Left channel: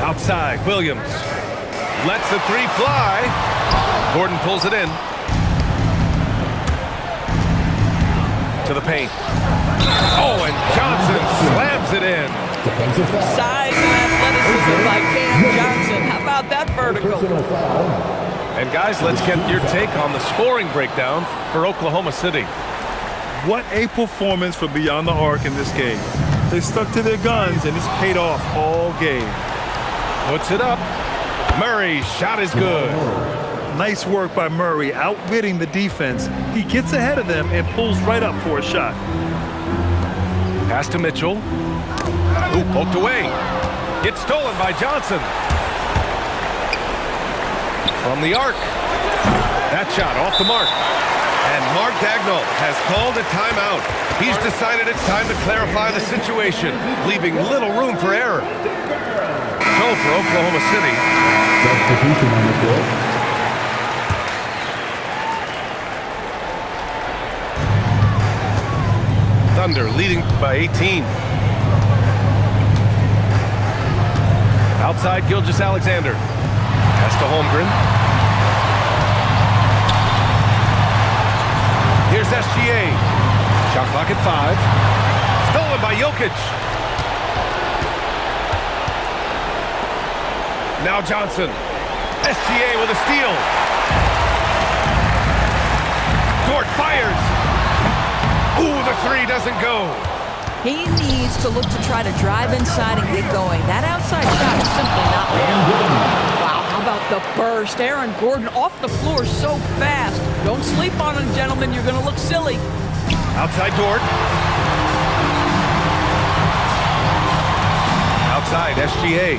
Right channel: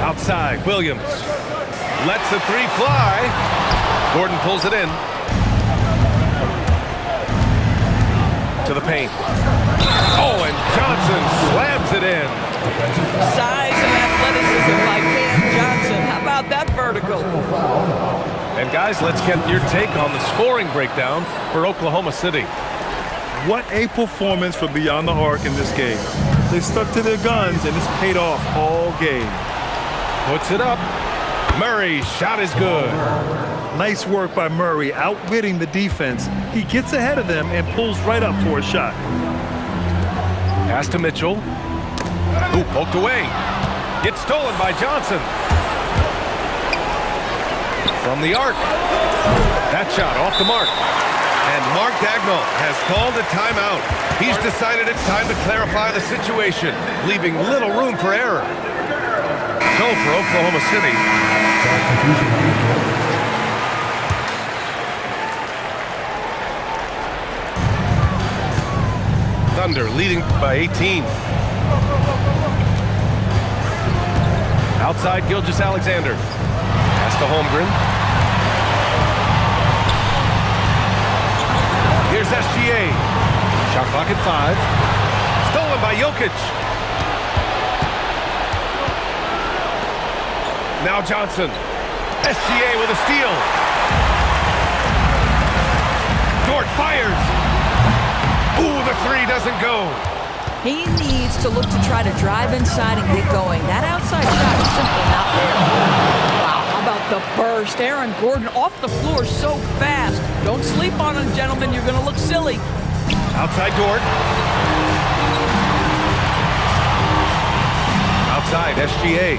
Outside, Williams lets the three fly. Gordon pulls it in. To the paint. Oh, and Johnson slams it in. Size and athleticism by Cam Johnson. How about that vertical? And guys, let's get your take on the scoring breakdown for Oklahoma City. What a performance for Beyond the Arc in this game. They stuck to their guns, and it's paid off all game. Puts it up. Murray's shot is good. Nice work by Murray, outwitting the defense. He gets ahead of them and pulls right up for a shot. Pass to Mitchell. Ooh, poked away. Gets stolen by Johnson. From the arc. That shot off the mark. And Mark Daigneault has called a timeout. He's decided it's time to clarify the situation, leaving little room for error. So for Oklahoma City, Thunder leading by 18. Outside, Gilgeous-Alexander. Pass to Holmgren. Here's SGA. Shot clock at 5. Stolen by Jokic. Now Johnson. SGA with a steal. Dort fires. Ooh, the three doesn't go. He needs to look to try to drive inside and get going. That outside shot is simply not there. Wow, how about the burst? Aaron Gordon off the floor so fast. Don't sleep on him, gentlemen. You're going to look silly. Outside Dort. Outside, SGA.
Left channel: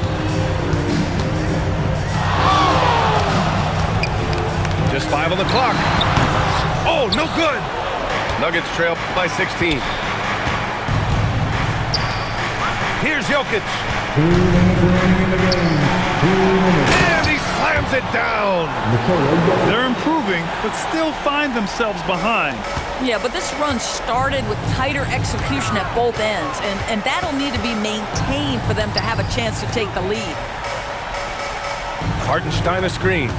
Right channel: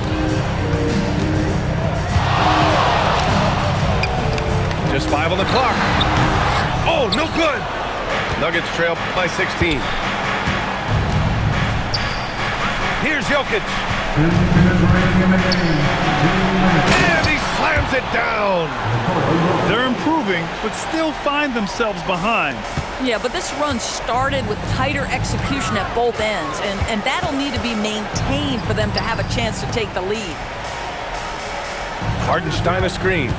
Just 5 on the clock. Oh, no good. Nuggets trail by 16. Here's Jokic. 2 minutes remaining in the game. 2 minutes. And he slams it down. They're improving, but still find themselves behind. Yeah, but this run started with tighter execution at both ends, and that'll need to be maintained for them to have a chance to take the lead. Hartenstein a screen.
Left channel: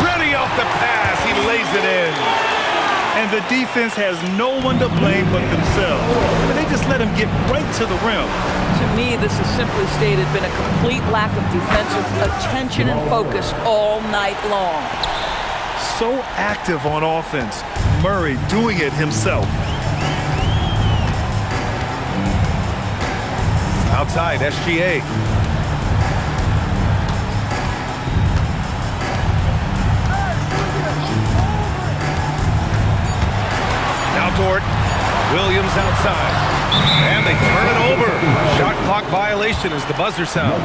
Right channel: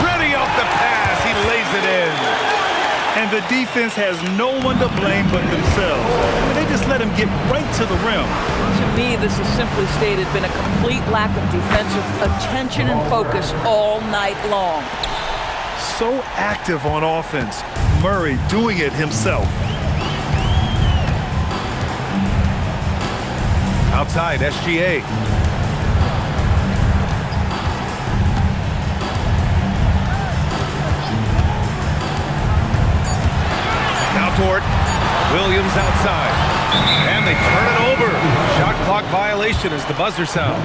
Ready off the pass. He lays it in. And the defense has no one to blame but themselves. I mean, they just let him get right to the rim. To me, this has simply stated been a complete lack of defensive attention and focus all night long. So active on offense. Murray doing it himself. Outside, SGA. Now Dort. Williams outside. And they turn it over. Shot clock violation as the buzzer sounds.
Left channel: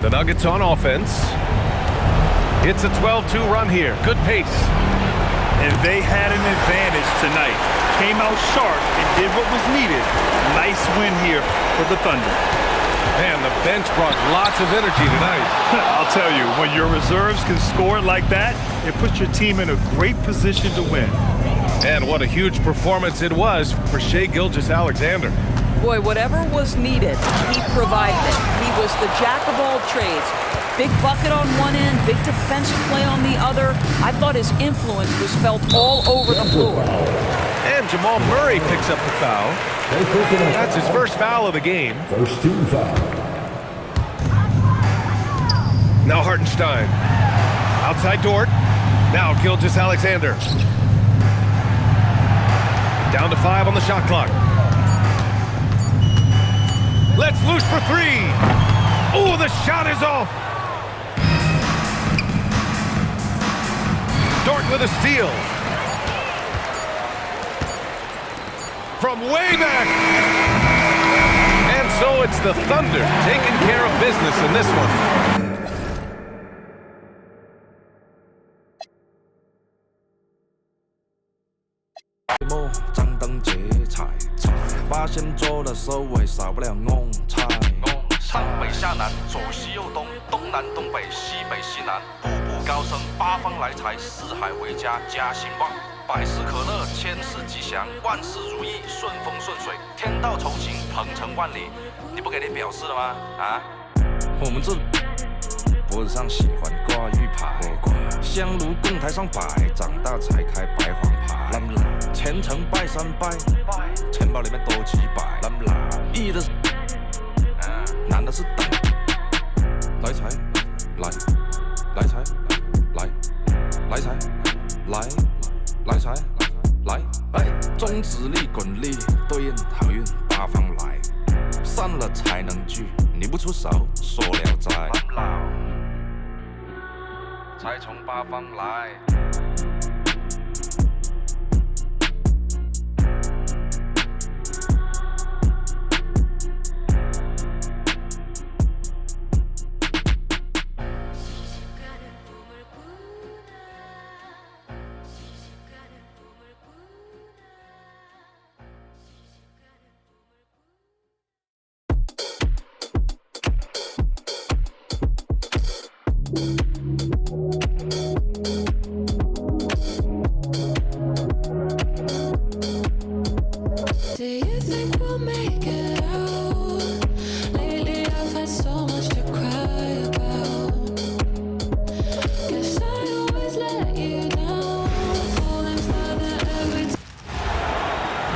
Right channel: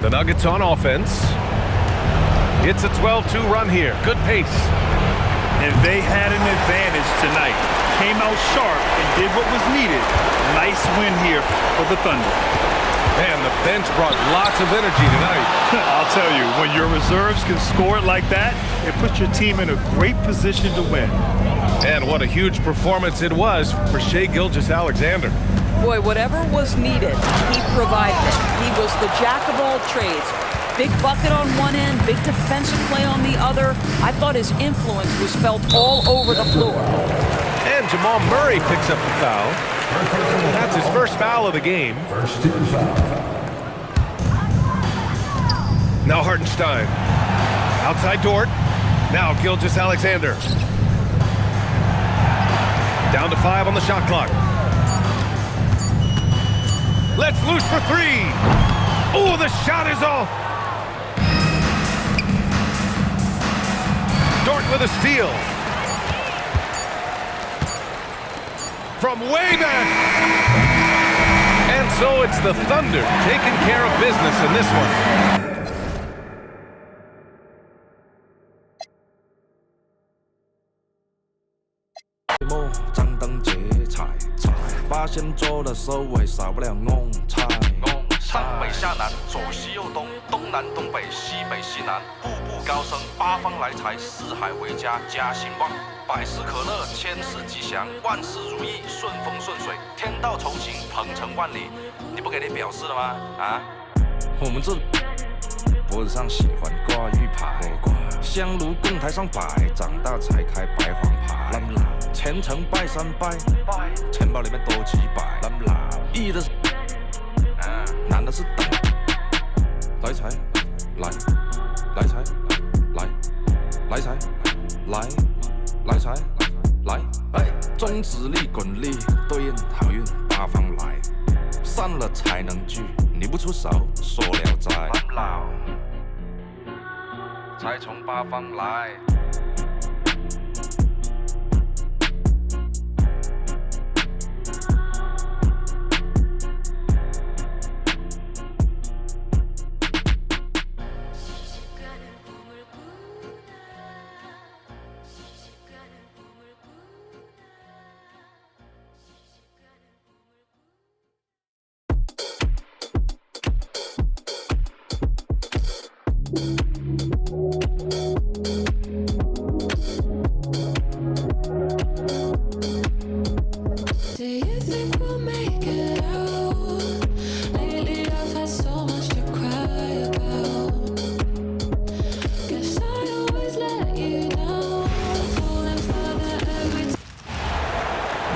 The Nuggets on offense. It's a 12-2 run here. Good pace. And they had an advantage tonight. Came out sharp and did what was needed. Nice win here for the Thunder. Man, the bench brought lots of energy tonight. I'll tell you, when your reserves can score it like that, it puts your team in a great position to win. And what a huge performance it was for Shai Gilgeous-Alexander. Boy, whatever was needed, he provided it. He was the jack of all trades. Big bucket on one end, big defensive play on the other. I thought his influence was felt all over the floor. And Jamal Murray picks up the foul. That's his first foul of the game. First team foul. Now Hartenstein. Outside Dort. Now Gilgeous-Alexander. Down to 5 on the shot clock. Let's loose for 3. Oh, the shot is off. Dort with a steal. From way back. And so it's the Thunder taking care of business in this one. 百事可乐，千事吉祥，万事如意，顺风顺水，天道酬勤，鹏程万里。你不给点表示了吗？啊？我们这脖子上喜欢挂玉牌，香炉供台上摆，长大才开白黄牌。虔诚拜三拜，钱包里面多几百。易的是，难的是等。来财，来财，来财，来财，来，中指力滚力，对应好运八方来。散了才能聚，你不出手，说了斋。才从八方来。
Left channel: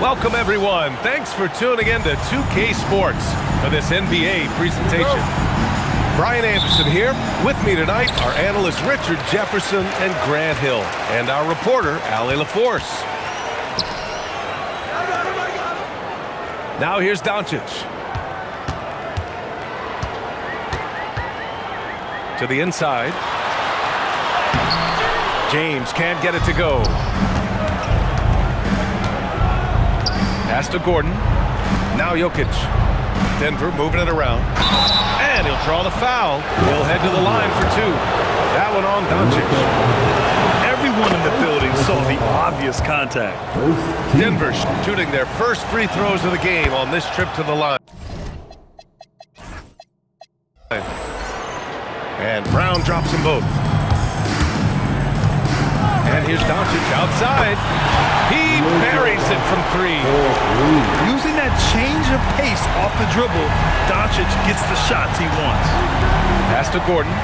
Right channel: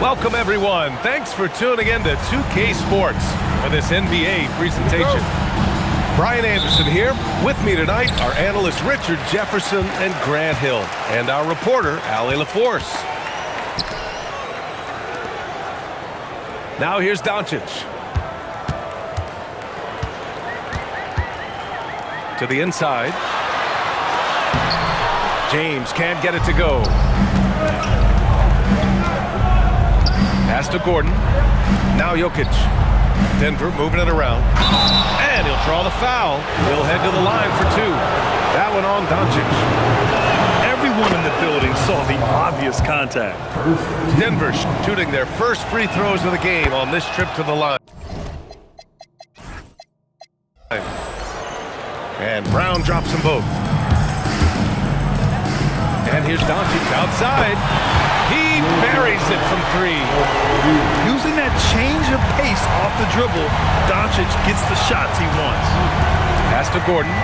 Welcome, everyone. Thanks for tuning in to 2K Sports for this NBA presentation. Brian Anderson here. With me tonight are analysts Richard Jefferson and Grant Hill, and our reporter, Allie LaForce. Now here's Doncic. To the inside. James can't get it to go. Pass to Gordon. Now Jokic. Denver moving it around. And he'll draw the foul. He'll head to the line for two. That one on Doncic. Everyone in the building saw the obvious contact. Denver shooting their first free throws of the game on this trip to the line. And Brown drops them both. And here's Doncic outside. He buries it from three. Using that change of pace off the dribble, Doncic gets the shots he wants. Pass to Gordon.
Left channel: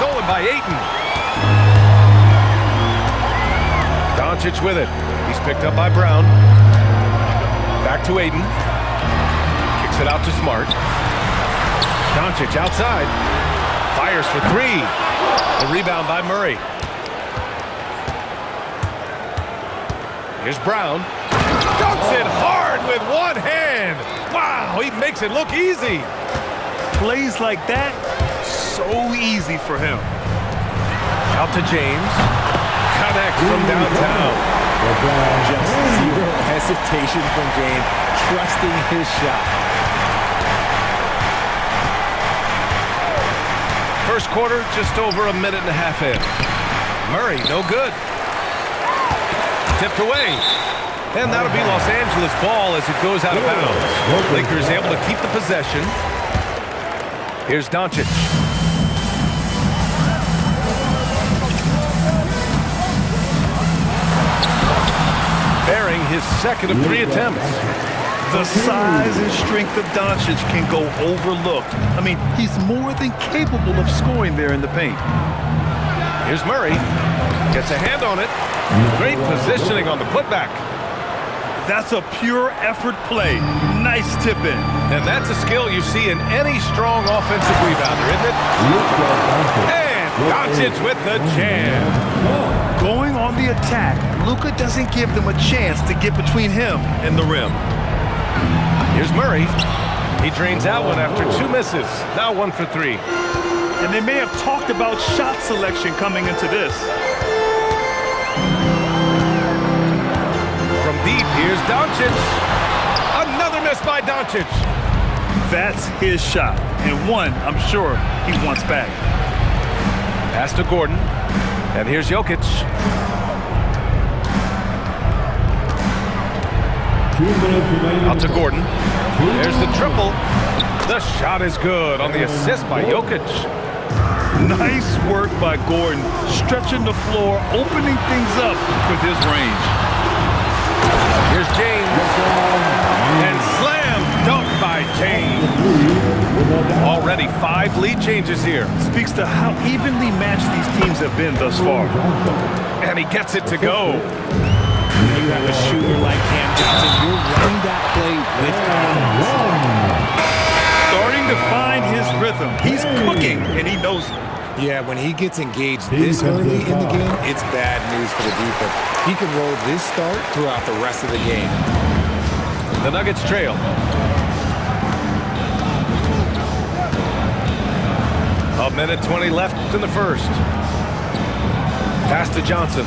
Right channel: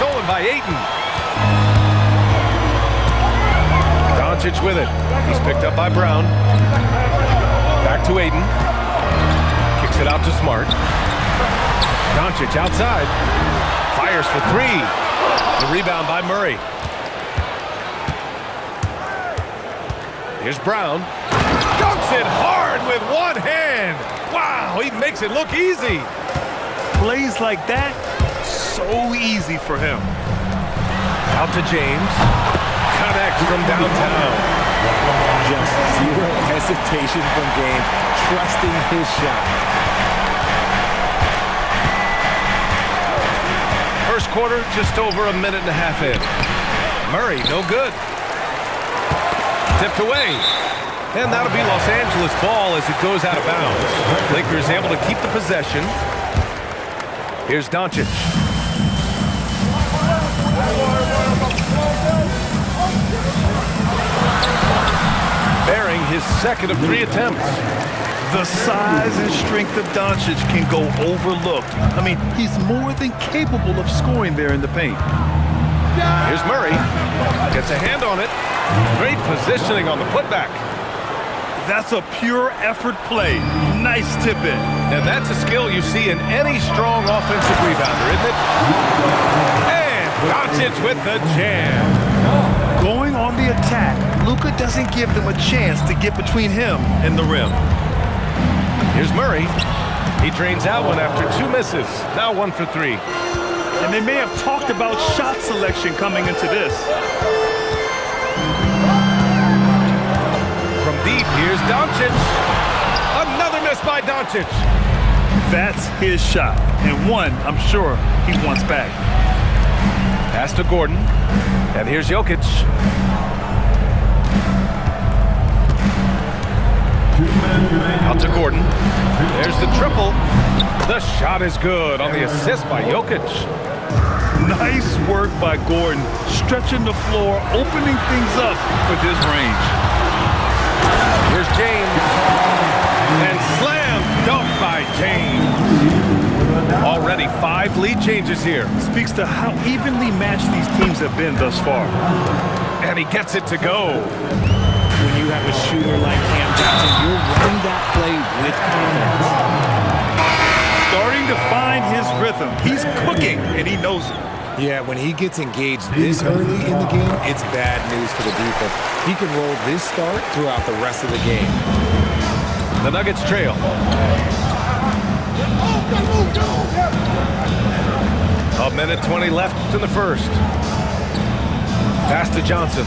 Stolen by Ayton. Doncic with it. He's picked up by Brown. Back to Ayton. Kicks it out to Smart. Doncic outside. Fires for three. The rebound by Murray. Here's Brown. Dunks it hard with one hand. Wow, he makes it look easy. Plays like that, so easy for him. Out to James. Connects from downtown. Just zero hesitation from James, trusting his shot. First quarter, just over a minute and a half in. Murray, no good. Tipped away. And that'll be Los Angeles ball as it goes out of bounds. Lakers able to keep the possession. Here's Doncic. Bearing his second of three attempts. The size and strength of Doncic can go overlooked. I mean, he's more than capable of scoring there in the paint. Here's Murray. Gets a hand on it. Great positioning on the putback. That's a pure effort play. Nice tip in. And that's a skill you see in any strong offensive rebounder, isn't it? And Doncic with the jam. Going on the attack, Luka doesn't give them a chance to get between him and the rim. Here's Murray. He drains that one after two misses. Now 1 for 3. And they may have talked about shot selection coming into this. From deep, here's Doncic. Another miss by Doncic. That's his shot, and one I'm sure he wants back. Pass to Gordon, and here's Jokic. Out to Gordon. There's the triple. The shot is good on the assist by Jokic. Nice work by Gordon, stretching the floor, opening things up with his range. Here's James. And slam dunk by James. Already 5 lead changes here. Speaks to how evenly matched these teams have been thus far. And he gets it to go. When you have a shooter like Cam Johnson, you're running that play with confidence. Starting to find his rhythm. He's cooking, and he knows it. Yeah, when he gets engaged this early in the game, it's bad news for the defense. He can roll this start throughout the rest of the game. The Nuggets trail. A minute 20 left in the first. Pass to Johnson.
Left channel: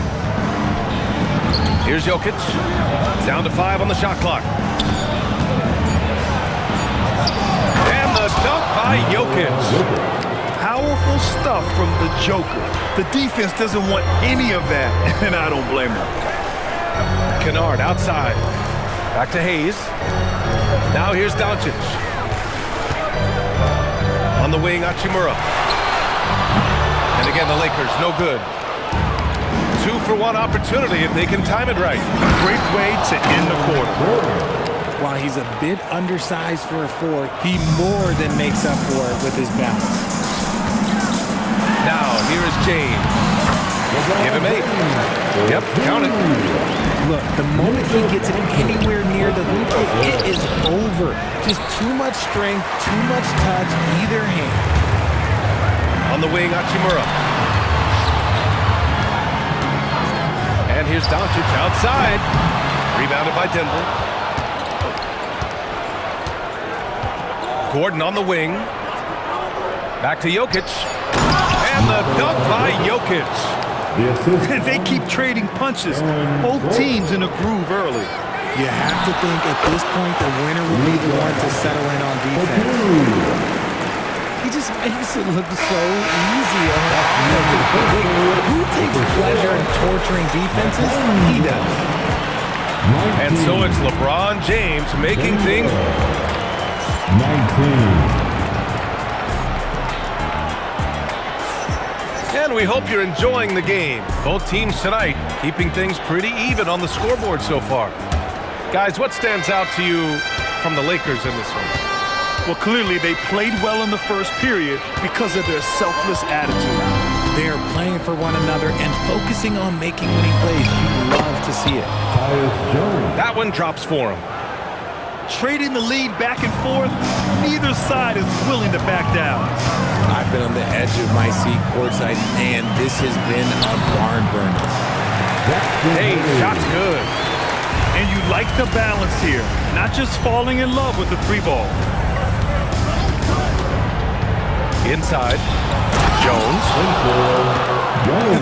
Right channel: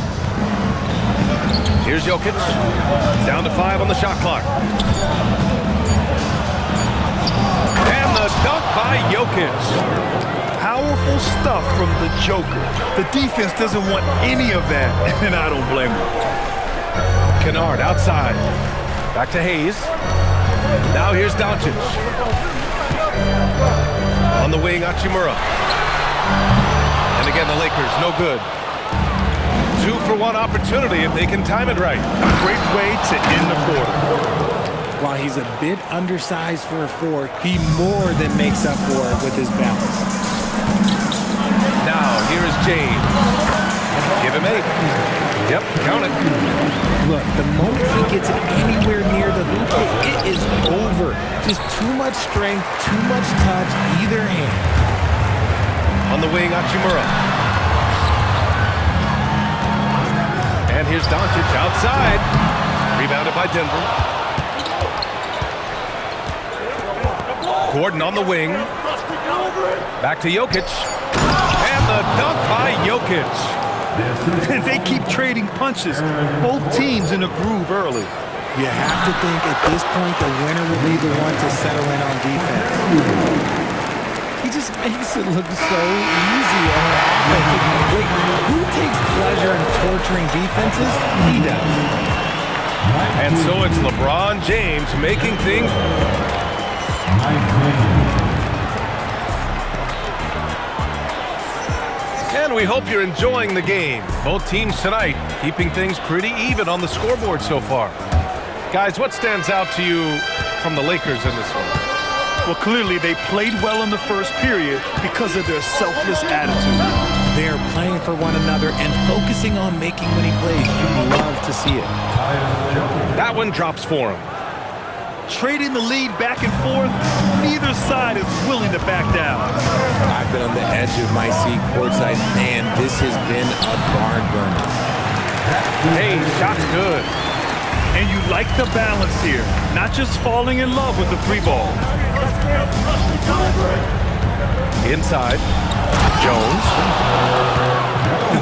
Here's Jokic. Down to 5 on the shot clock. And the dunk by Jokic. Powerful stuff from the Joker. The defense doesn't want any of that, and I don't blame him. Kennard outside. Back to Hayes. Now here's Doncic. On the wing, Hachimura. And again, the Lakers, no good. 2-for-1 opportunity if they can time it right. Great way to end the quarter. While he's a bit undersized for a 4, he more than makes up for it with his balance. Now, here is James. Give him 8. Yep, count it. Look, the moment he gets it anywhere near the hoop, it is over. Just too much strength, too much touch, either hand. On the wing, Hachimura. And here's Doncic outside. Rebounded by Denver. Gordon on the wing. Back to Jokic. And the dunk by Jokic. They keep trading punches. Both teams in a groove early. You have to think at this point the winner will be the one to settle in on defense. He just makes it look so easy on offense. Wait, who takes pleasure in torturing defenses? He does. And so it's LeBron James making things. 19. And we hope you're enjoying the game. Both teams tonight keeping things pretty even on the scoreboard so far. Guys, what stands out to you from the Lakers in this one? Well, clearly they played well in the first period because of their selfless attitude. They're playing for one another and focusing on making winning plays. You love to see it. That one drops for him. Trading the lead back and forth, neither side is willing to back down. I've been on the edge of my seat courtside, and this has been a barn burner. Hey, shot's good. And you like the balance here, not just falling in love with the 3-ball. Inside. Jones.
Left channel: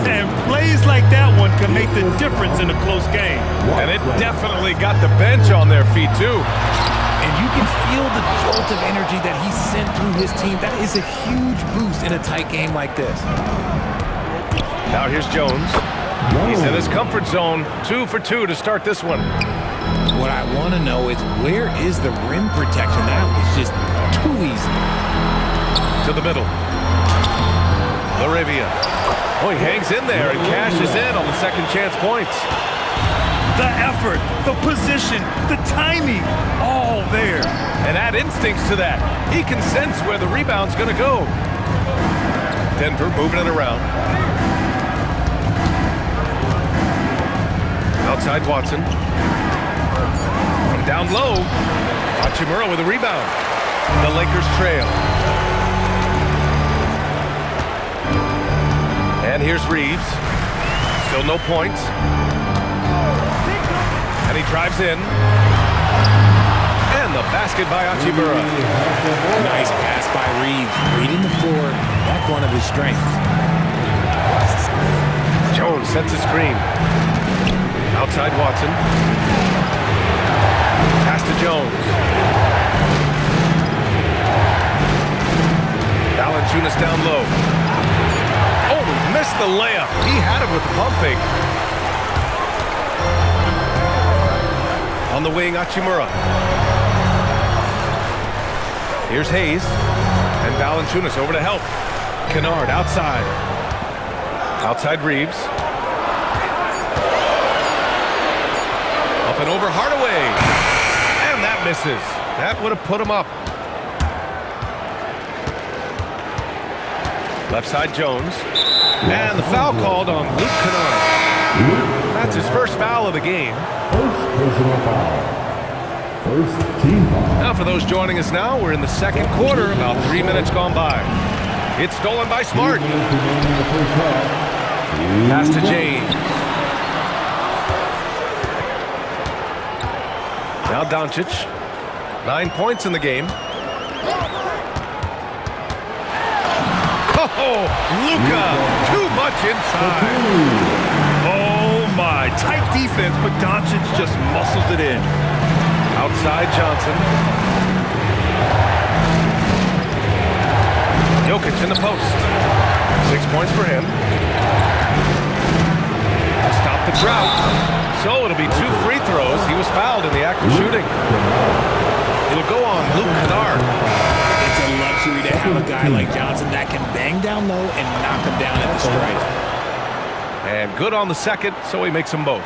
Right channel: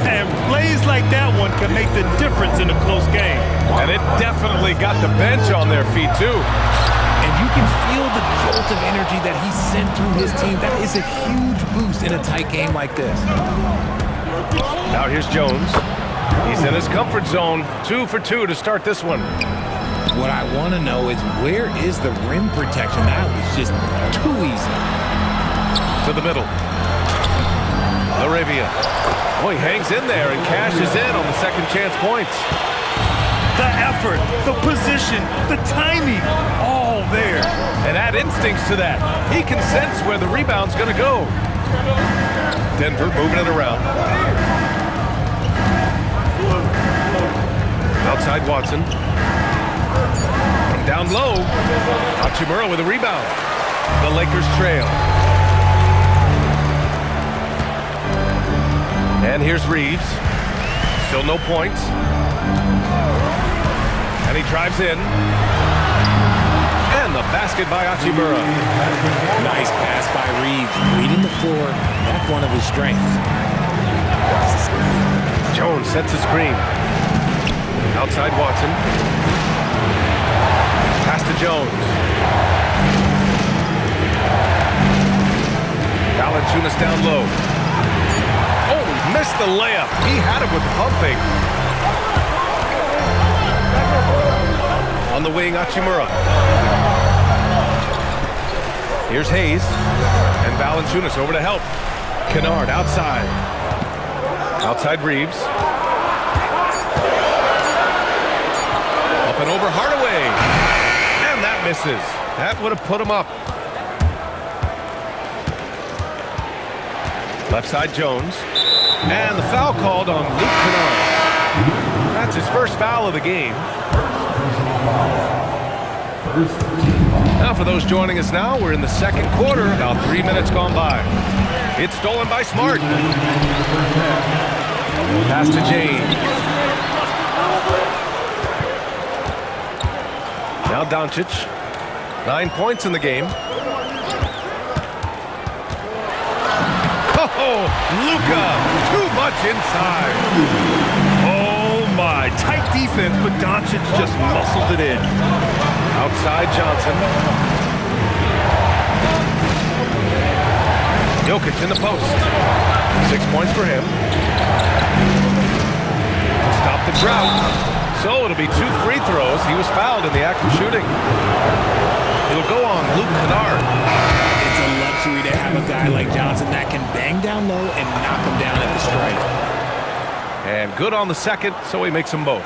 And plays like that one can make the difference in a close game. And it definitely got the bench on their feet, too. And you can feel the jolt of energy that he sent through his team. That is a huge boost in a tight game like this. Now here's Jones. He's in his comfort zone. 2 for 2 to start this one. What I want to know is where is the rim protection? That was just too easy. To the middle. Laravia. Oh, he hangs in there and cashes in on the second chance points. The effort, the position, the timing, all there. And add instincts to that. He can sense where the rebound's going to go. Denver moving it around. Outside Watson. From down low, Hachimura with a rebound. The Lakers trail. And here's Reeves. Still no points. And he drives in. And the basket by Hachimura. Nice pass by Reeves. Reading the floor. That's one of his strengths. Jones sets a screen. Outside Watson. Pass to Jones. Valanciunas down low. Oh, he missed the layup. He had him with the pump fake. On the wing, Hachimura. Here's Hayes. And Valanciunas over to help. Kennard outside. Outside Reeves. Up and over Hardaway. And that misses. That would have put him up. Left side Jones. And the foul called on Luke Kennard. That's his first foul of the game. First personal foul. First team foul. Now for those joining us now, we're in the second quarter, about 3 minutes gone by. It's stolen by Smart. Pass to James. Now Doncic. 9 points in the game. Oh, Luka, too much inside. Oh my, tight defense, but Doncic just muscles it in. Outside Johnson. Jokic in the post. 6 points for him. To stop the drought. So it'll be 2 free throws. He was fouled in the act of shooting. It'll go on Luke Kennard. It's a luxury to have a guy like Johnson that can bang down low and knock him down at the stripe. And good on the second, so he makes them both.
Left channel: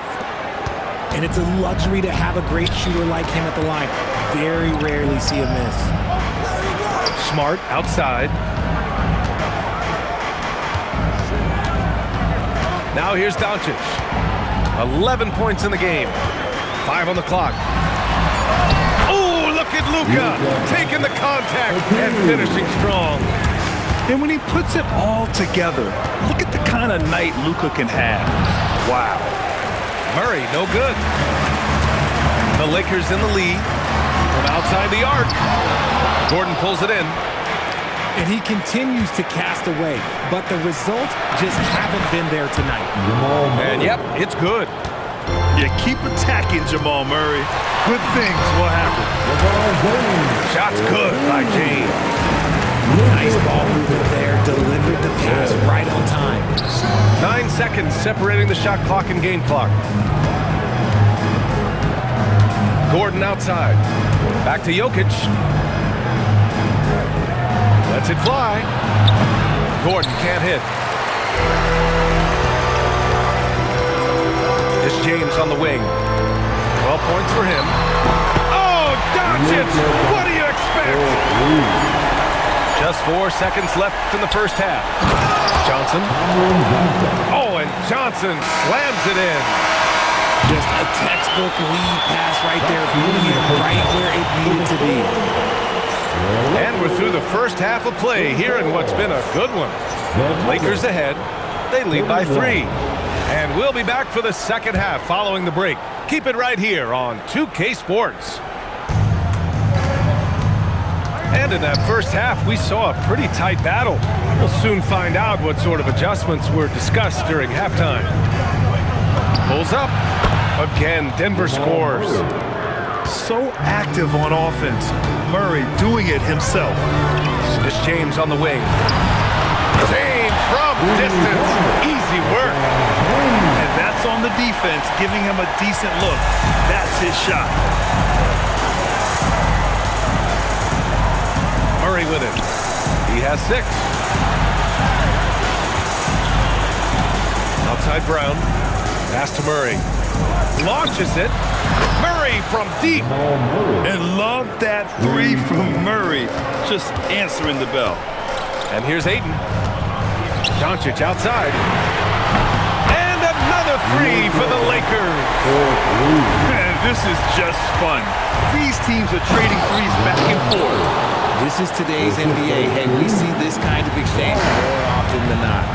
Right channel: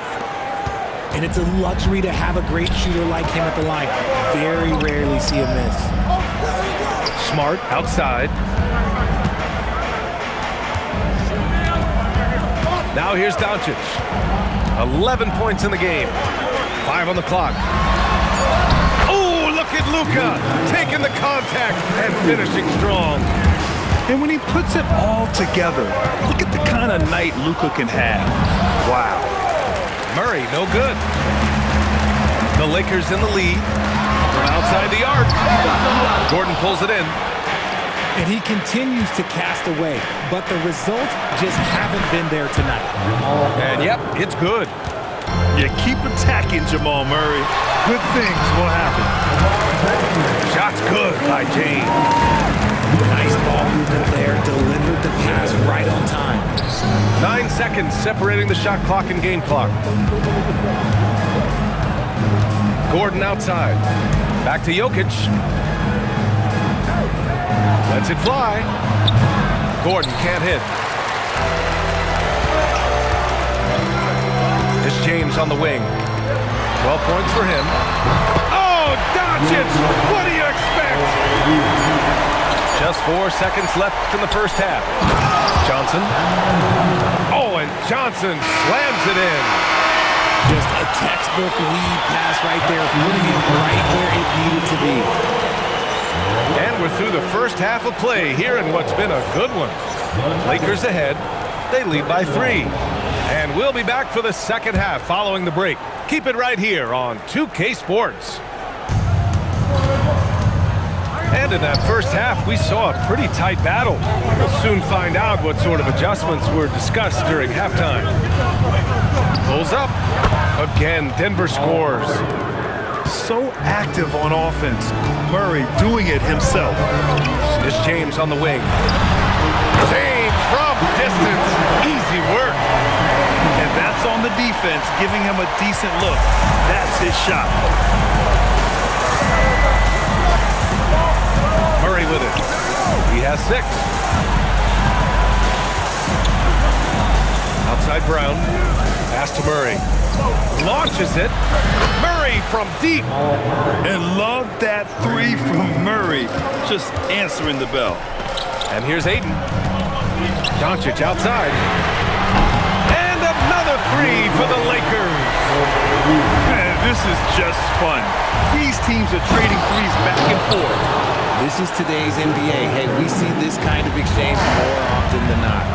And it's a luxury to have a great shooter like him at the line. Very rarely see a miss. Smart outside. Now here's Doncic. 11 points in the game. 5 on the clock. Oh, look at Luka taking the contact and finishing strong. And when he puts it all together, look at the kind of night Luka can have. Wow. Murray, no good. The Lakers in the lead from outside the arc. Gordon pulls it in. And he continues to cast away, but the results just haven't been there tonight. And yep, it's good. You keep attacking Jamal Murray. Good things will happen. Shot's good by James. Nice ball movement there. Delivered the pass right on time. 9 seconds separating the shot clock and game clock. Gordon outside. Back to Jokic. Lets it fly. Gordon can't hit. It's James on the wing. 12 points for him. Oh, Doncic! What do you expect? Just 4 seconds left in the first half. Johnson. Oh, and Johnson slams it in. Just a textbook lead pass right there, putting it right where it needed to be. And we're through the first half of play here in what's been a good one. Lakers ahead. They lead by 3. And we'll be back for the second half following the break. Keep it right here on 2K Sports. And in that first half, we saw a pretty tight battle. We'll soon find out what sort of adjustments were discussed during halftime. Pulls up. Again, Denver scores. So active on offense. Murray doing it himself. It's James on the wing. James from distance. Easy work. And that's on the defense, giving him a decent look. That's his shot. Murray with it. He has 6. Outside Brown. Pass to Murray. Launches it. Murray from deep. And love that 3 from Murray. Just answering the bell. And here's Ayton. Doncic outside. And another 3 for the Lakers. Man, this is just fun. These teams are trading threes back and forth. This is today's NBA. Hey, we see this kind of exchange more often than not.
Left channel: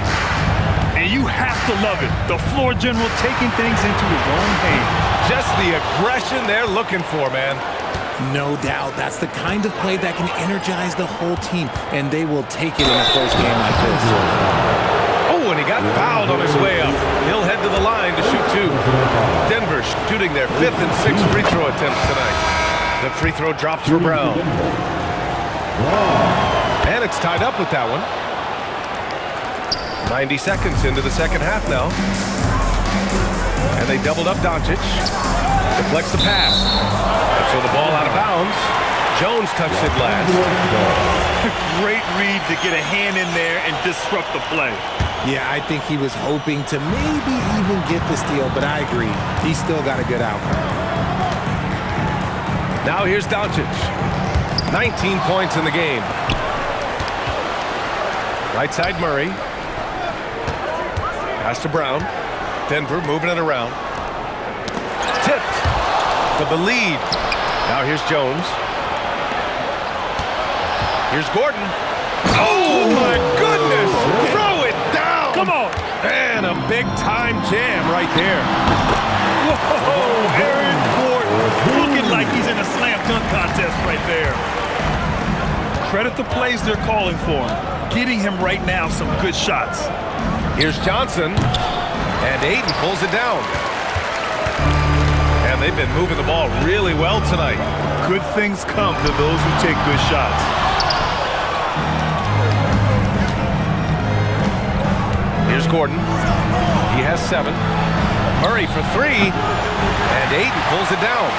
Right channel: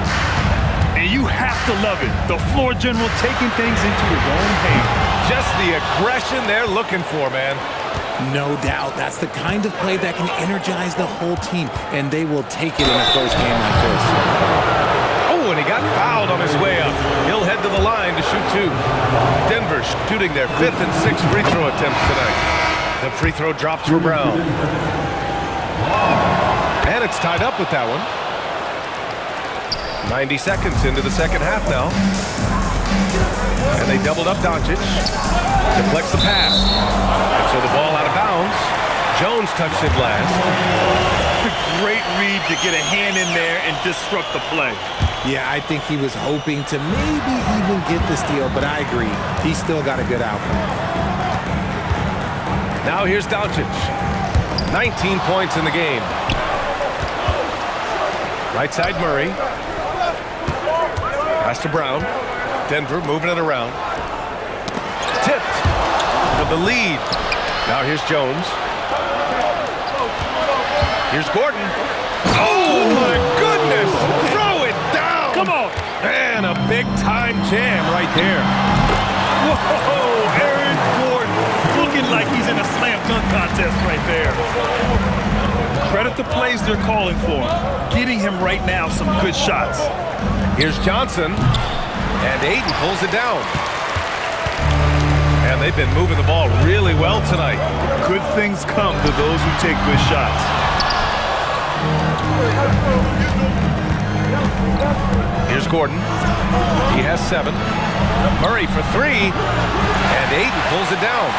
And you have to love it. The floor general taking things into his own hands. Just the aggression they're looking for, man. No doubt. That's the kind of play that can energize the whole team, and they will take it in a close game like this. Oh, and he got fouled on his way up. He'll head to the line to shoot 2. Denver shooting their 5th and 6th free throw attempts tonight. The free throw drops for Brown. And it's tied up with that one. 90 seconds into the second half now. And they doubled up Doncic. Deflects the pass. And so the ball out of bounds. Jones touched it last. Great read to get a hand in there and disrupt the play. Yeah, I think he was hoping to maybe even get the steal, but I agree. He still got a good outcome. Now here's Doncic. 19 points in the game. Right side Murray. Pass to Brown. Denver moving it around. Tipped for the lead. Now here's Jones. Here's Gordon. Oh my goodness! Throw it down! Come on! And a big-time jam right there. Whoa, Aaron Gordon looking like he's in a slam dunk contest right there. Credit the plays they're calling for him. Getting him right now some good shots. Here's Johnson, and Ayton pulls it down. And they've been moving the ball really well tonight. Good things come to those who take good shots. Here's Gordon. He has 7. Murray for 3, and Ayton pulls it down.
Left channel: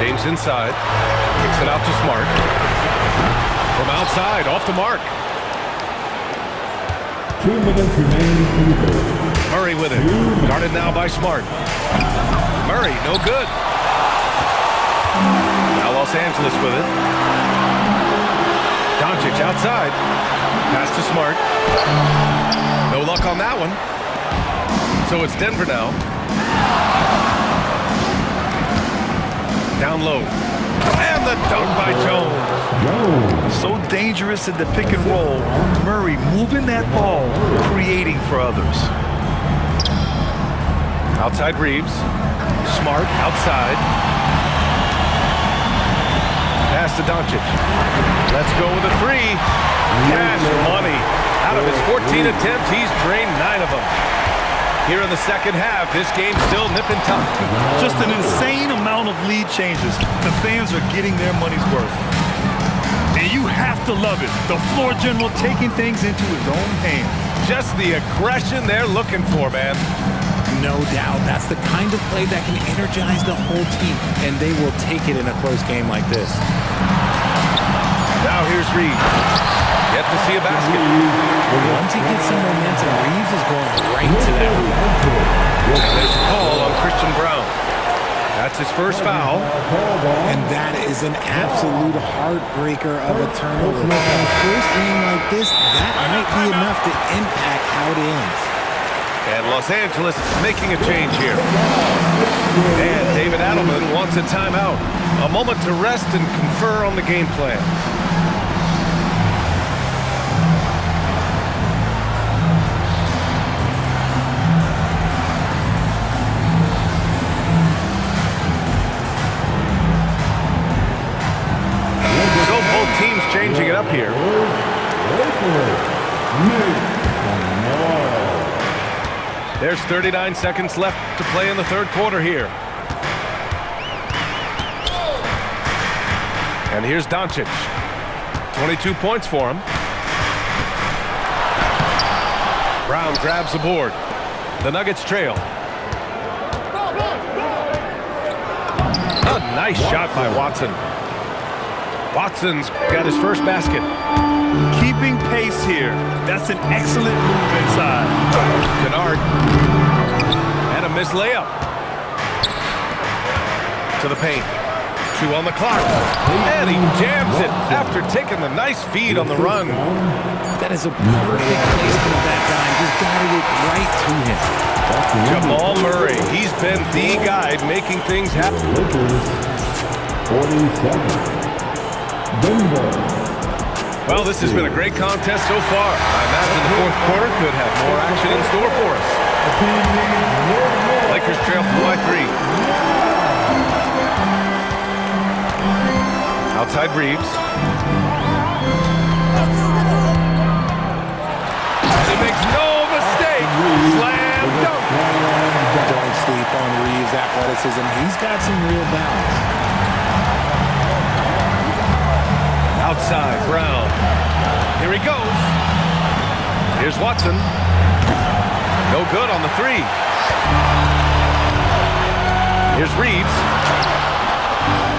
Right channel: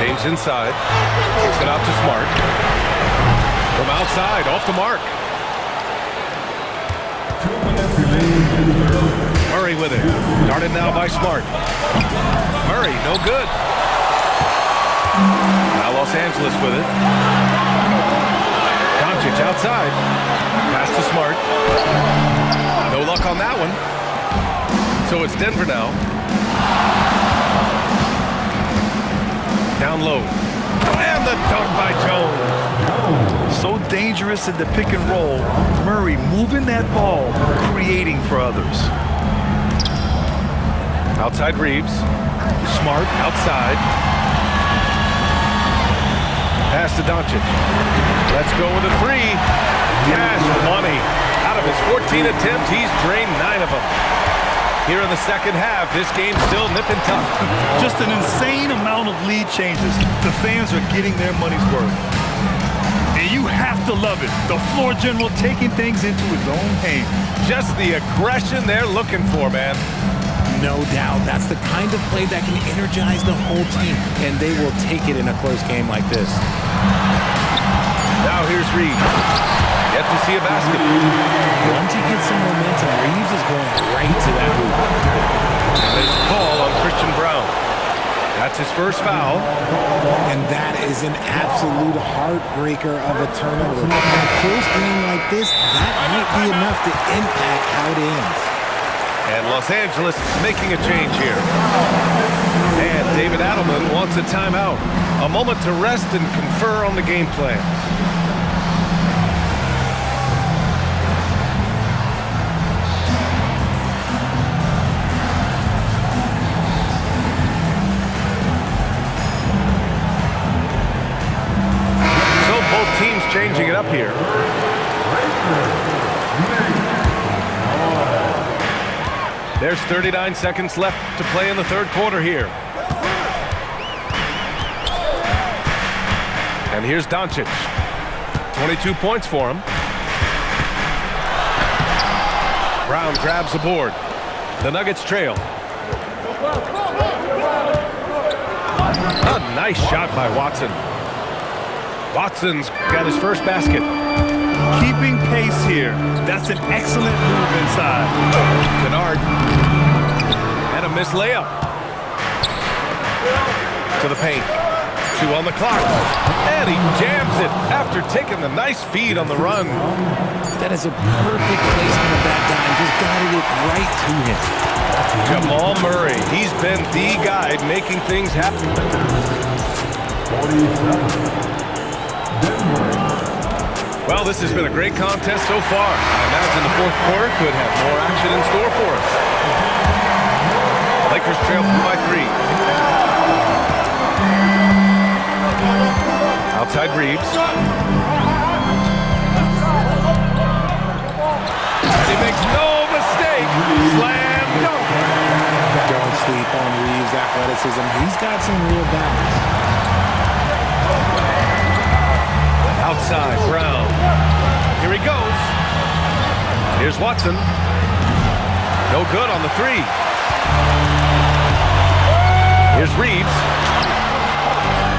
James inside, kicks it out to Smart. From outside, off the mark. 2 minutes remaining in the third. Murray with it, guarded now by Smart. Murray, no good. Now Los Angeles with it. Doncic outside, pass to Smart. No luck on that one. So it's Denver now. Down low. And the dunk by Jones. So dangerous in the pick and roll. Murray moving that ball, creating for others. Outside Reeves. Smart outside. Pass to Doncic. Let's go with a 3. Cash money. Out of his 14 attempts, he's drained 9 of them. Here in the second half, this game's still nip and tuck. Just an insane amount of lead changes. The fans are getting their money's worth. And you have to love it. The floor general taking things into his own hands. Just the aggression they're looking for, man. No doubt. That's the kind of play that can energize the whole team, and they will take it in a close game like this. Now here's Reeves. Yet to see a basket. Once he gets some momentum, Reeves is going right to that hoop. And there's a call on Christian Brown. That's his first foul. And that is an absolute heartbreaker of a turnover. In a close game like this, that might be enough to impact how it ends. And Los Angeles making a change here. And David Adelman wants a timeout. A moment to rest and confer on the game plan. So both teams changing it up here. There's 39 seconds left to play in the third quarter here. And here's Doncic. 22 points for him. Brown grabs the board. The Nuggets trail. A nice shot by Watson. Watson's got his first basket. Keeping pace here. That's an excellent move inside. Kennard. And a missed layup. To the paint. 2 on the clock. And he jams it after taking the nice feed on the run. That is a perfect placement of that dime. Just guided it right to him. Jamal Murray. He's been the guy making things happen. 47. Denver. Well, this has been a great contest so far. I imagine the fourth quarter could have more action in store for us. Lakers trail by 3. Outside Reeves. And he makes no mistake. Slam dunk. Don't sleep on Reeves' athleticism. He's got some real balance. Outside, Brown. Here he goes. Here's Watson. No good on the 3. Here's Reeves.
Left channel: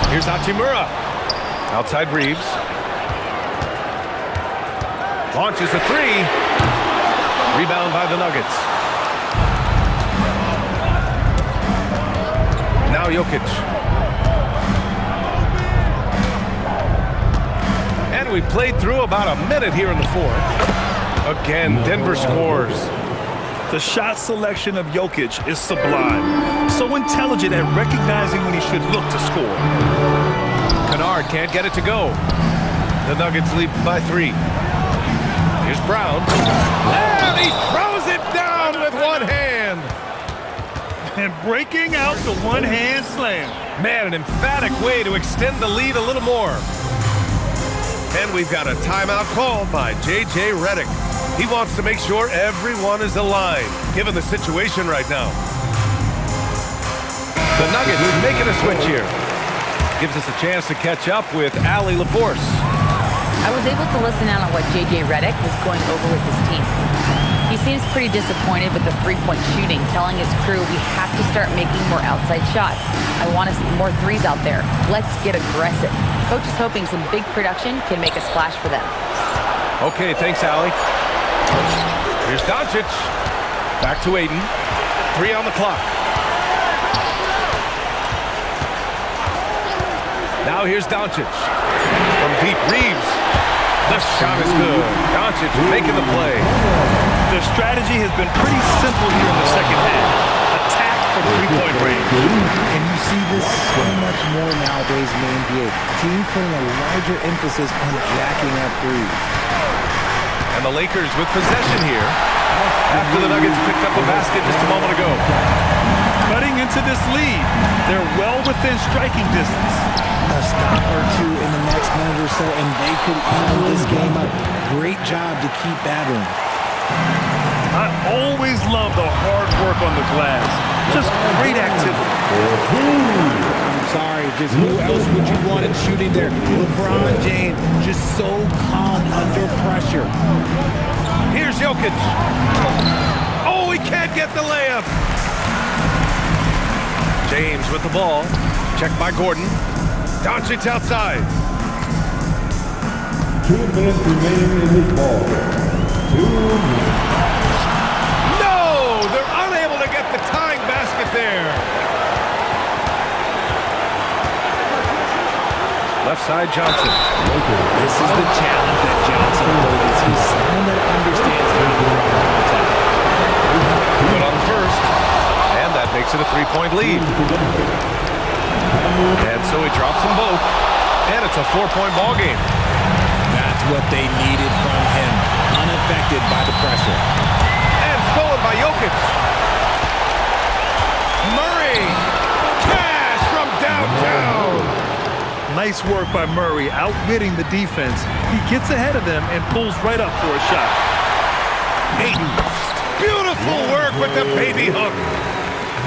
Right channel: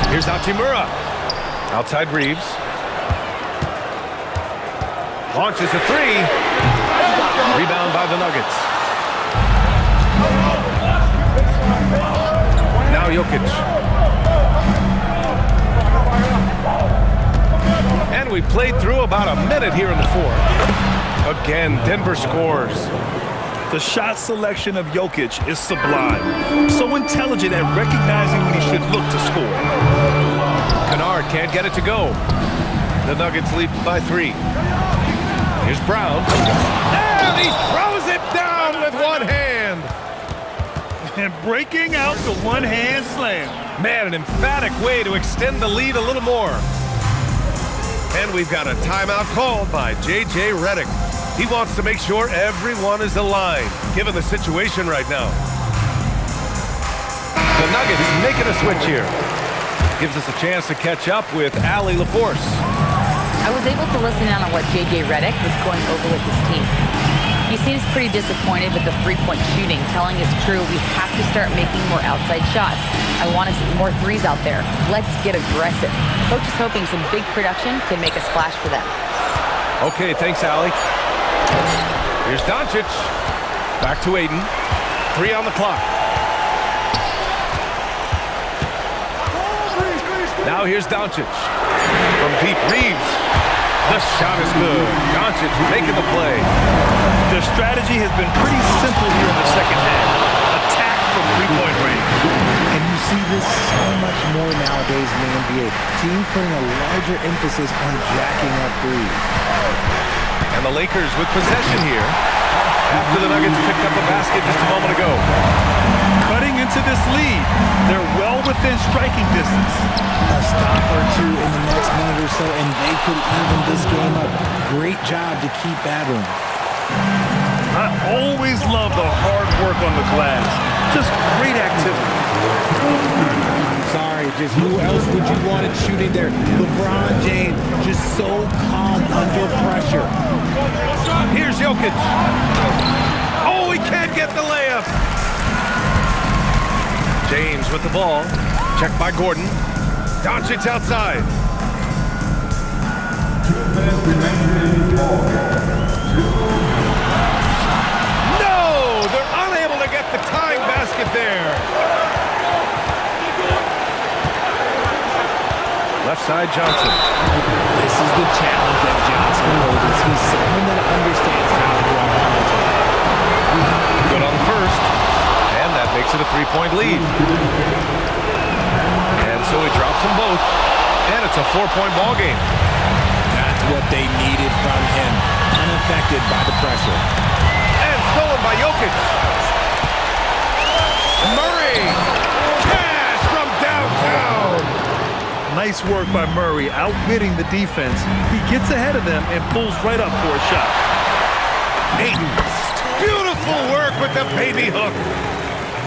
Here's Hachimura. Outside Reeves. Launches a three. Rebound by the Nuggets. Now Jokic. And we played through about a minute here in the fourth. Again, Denver scores. The shot selection of Jokic is sublime. So intelligent at recognizing when he should look to score. Kennard can't get it to go. The Nuggets lead by 3. Here's Brown. And he throws it down with one hand. And breaking out the one-hand slam. Man, an emphatic way to extend the lead a little more. And we've got a timeout called by J.J. Redick. He wants to make sure everyone is aligned, given the situation right now. The Nuggets making a switch here. Gives us a chance to catch up with Allie LaForce. I was able to listen in on what J.J. Redick was going over with his team. He seems pretty disappointed with the three-point shooting, telling his crew we have to start making more outside shots. I want to see more threes out there. Let's get aggressive. Coach is hoping some big production can make a splash for them. Okay, thanks, Allie. Here's Doncic. Back to Ayton. 3 on the clock. Now here's Doncic. From deep, Reeves. The shot is good. Doncic making the play. The strategy has been pretty simple here in the second half. Attack from three-point range. And you see this so much more nowadays in the NBA. Teams putting a larger emphasis on jacking up threes. And the Lakers with possession here after the Nuggets picked up a basket just a moment ago. Cutting into this lead. They're well within striking distance. A stop or two in the next minute or so, and they could even this game up. Great job to keep battling. I always love the hard work on the glass. Just great activity. I'm sorry, just who else would you want it shooting there? LeBron James, just so calm under pressure. Here's Jokic. Oh, he can't get the layup. James with the ball. Checked by Gordon. Doncic outside. 2 minutes remaining in this ball. 2 minutes. No! They're unable to get the tying basket there. Left side, Johnson. This is the challenge that Johnson poses. He's someone that understands how to draw contact. Good on the first. And that makes it a 3-point lead. And so he drops them both. And it's a 4-point ball game. That's what they needed from him. Unaffected by the pressure. And stolen by Jokic. Murray. Cash from downtown. Nice work by Murray, outwitting the defense. He gets ahead of them and pulls right up for a shot. Ayton. Beautiful work with the baby hook.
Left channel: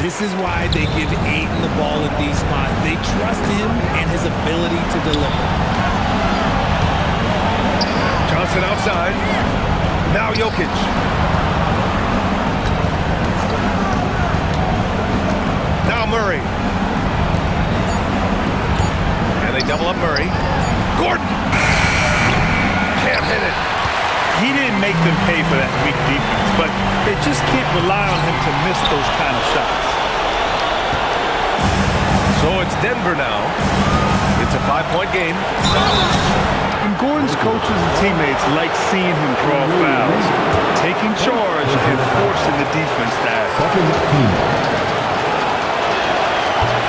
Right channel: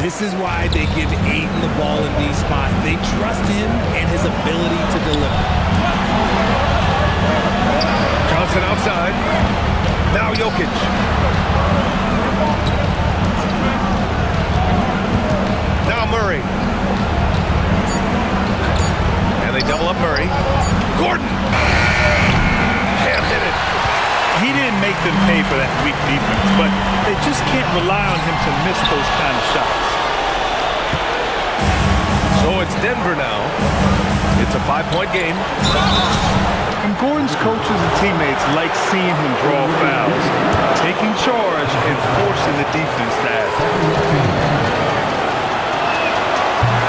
This is why they give Ayton the ball in these spots. They trust him and his ability to deliver. Johnson outside. Now Jokic. Now Murray. And they double up Murray. Gordon. Can't hit it. He didn't make them pay for that weak defense, but they just can't rely on him to miss those kind of shots. So it's Denver now. It's a 5-point game. And Gordon's coaches and teammates like seeing him draw fouls, taking charge and forcing the defense to act.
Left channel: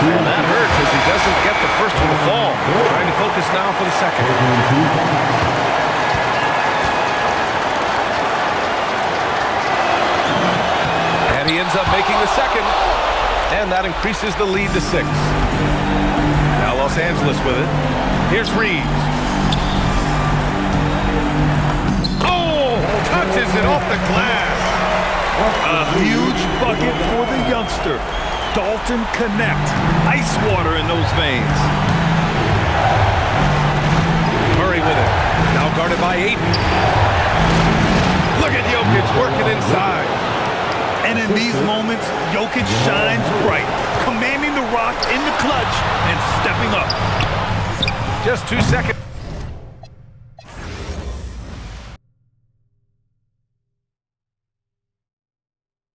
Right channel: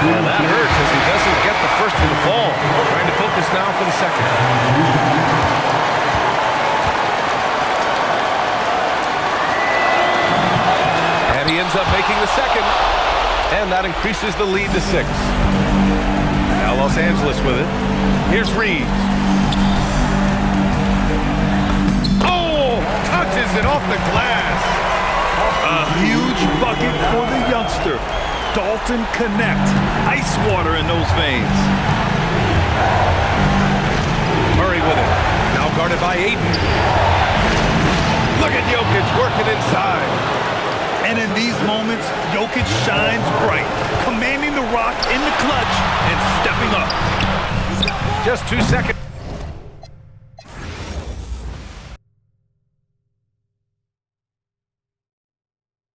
And that hurts as he doesn't get the first one to fall. Trying to focus now for the second. And he ends up making the second. And that increases the lead to 6. Now Los Angeles with it. Here's Reeves. Oh, touches it off the glass. A huge bucket for the youngster. Dalton Connect. Ice water in those veins. Murray with it. Now guarded by Ayton. Look at Jokic working inside. And in these moments, Jokic shines bright. commanding the rock in the clutch and stepping up. Just 2 seconds.